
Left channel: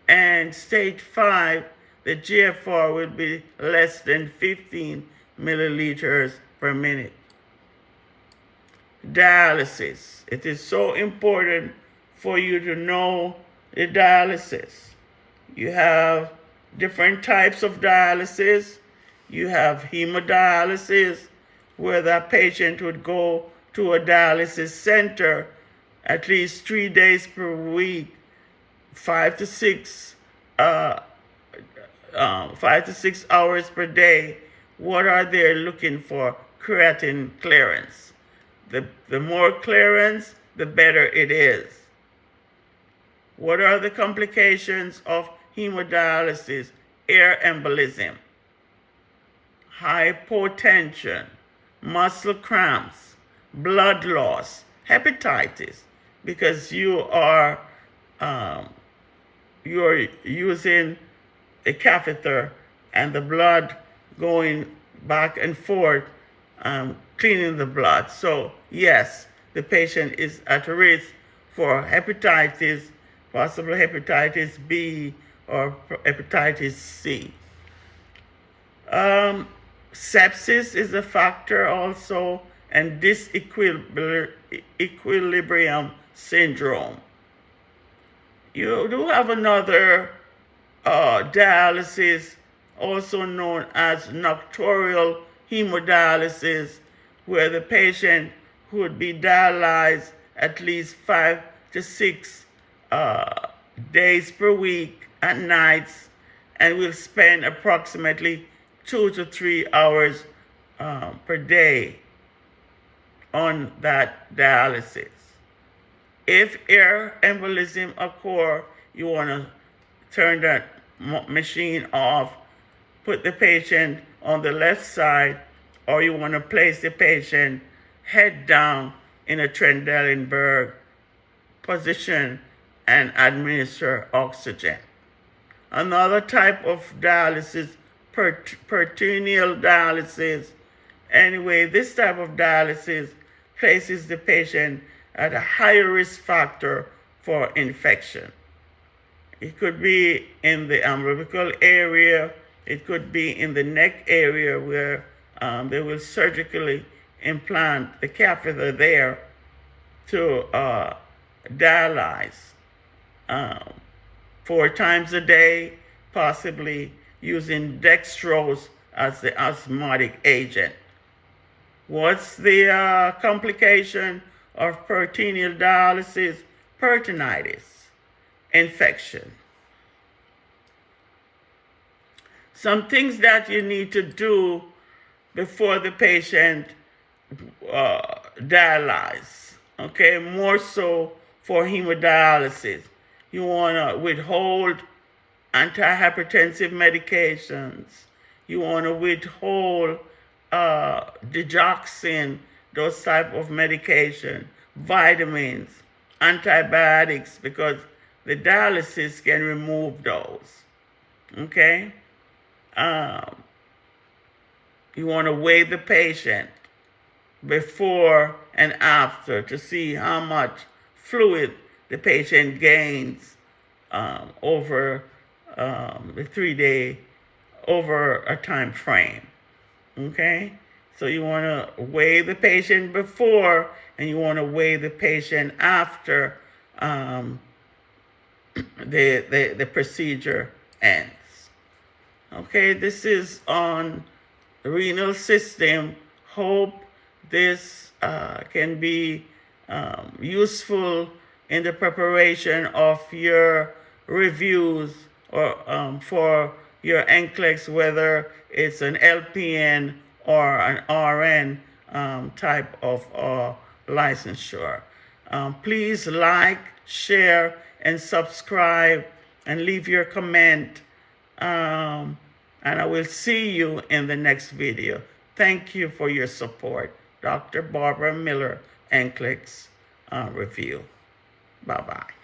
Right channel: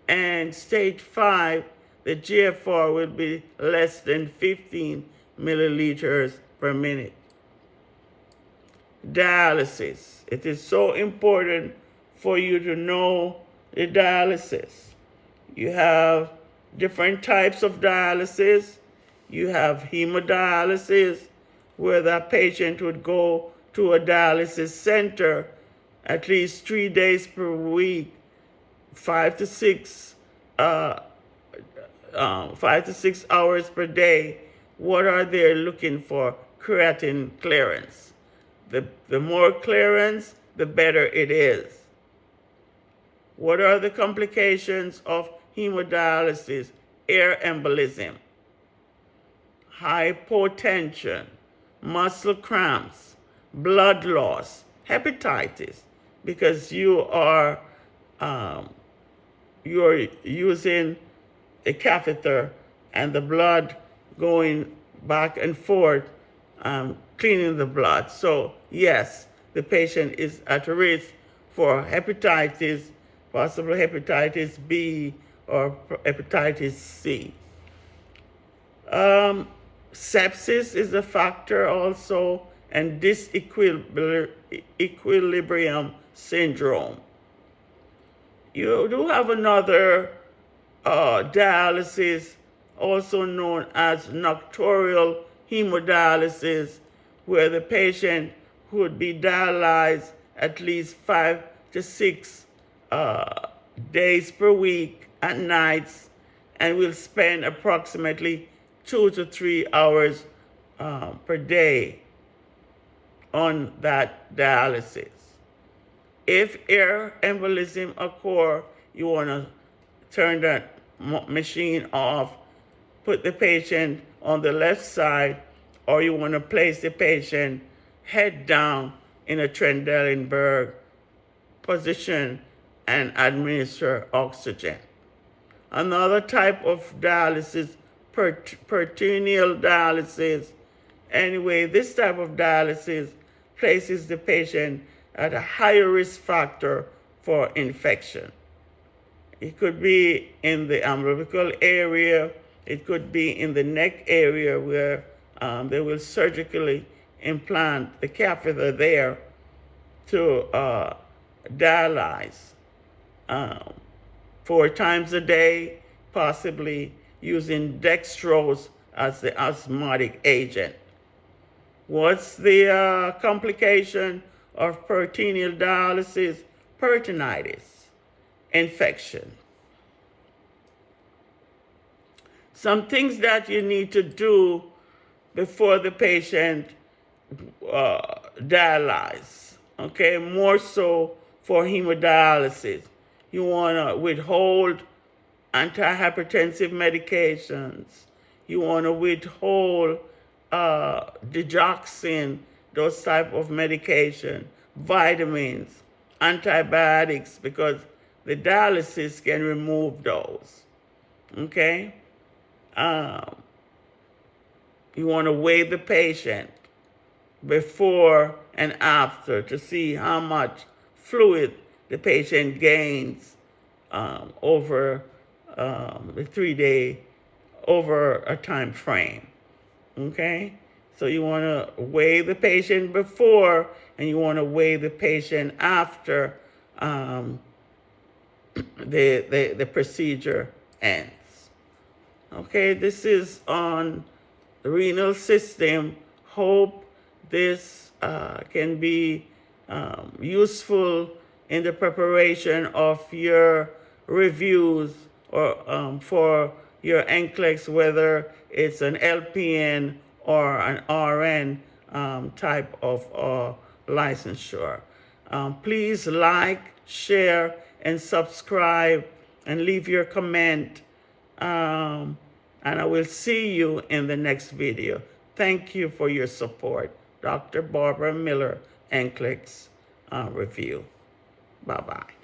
And stage 5, the GFR will be less than 15 milliliters per minute. Dialysis. It is so important for you to know the dialysis. You have different types of dialysis. You have hemodialysis, where that patient would go to a dialysis center at least 3 days per week, 5 to 6 hours per day. What are they looking for? Creatinine clearance. The more clearance, the better it is. What are the complications of hemodialysis? Air embolism, hypotension, muscle cramps, blood loss, hepatitis, because you're using a catheter and the blood going back and forth, cleaning the blood. So yes, the patient is at risk for hepatitis, possible hepatitis B or hepatitis C. Sepsis is a factor also, and disequilibrium syndrome. You do have another dialysis, also known as nocturnal hemodialysis, where the patient would be dialyzed at least 5 to 6 days per week at nights, and will spend approximately 2 to 3 hours per day on that dialysis. If air embolism occurs, you want to turn that machine off, put the patient on the left side, or you want to place the patient head down in a Trendelenburg position and administer oxygen. Another type of dialysis, peritoneal dialysis. Anyway, this type of dialysis places the patient at a higher risk factor for infection. It could be in the umbilical area, it could be in the neck area where they will surgically implant the catheter there to dialyze 4 times a day, possibly using dextrose as the osmotic agent. What's the complication of peritoneal dialysis? Peritonitis, infection. Some things that you need to do before the patient dialyze, okay, more so for hemodialysis. You want to withhold antihypertensive medications. You want to withhold digoxin, those type of medication, vitamins, antibiotics, because the dialysis can remove those, okay? You want to weigh the patient before and after to see how much fluid the patient gains over the 3-day, over a time frame, okay? So you want to weigh the patient before, and you want to weigh the patient after the procedure ends. Okay, this is on the renal system. Hope this can be useful in the preparation of your reviews or for your NCLEX, whether it's an LPN or an RN type of licensure. Please like, share, and subscribe, and leave your comment. And I will see you in the next video. Thank you for your support. Dr. Barbara Miller, NCLEX Review. Bye-bye.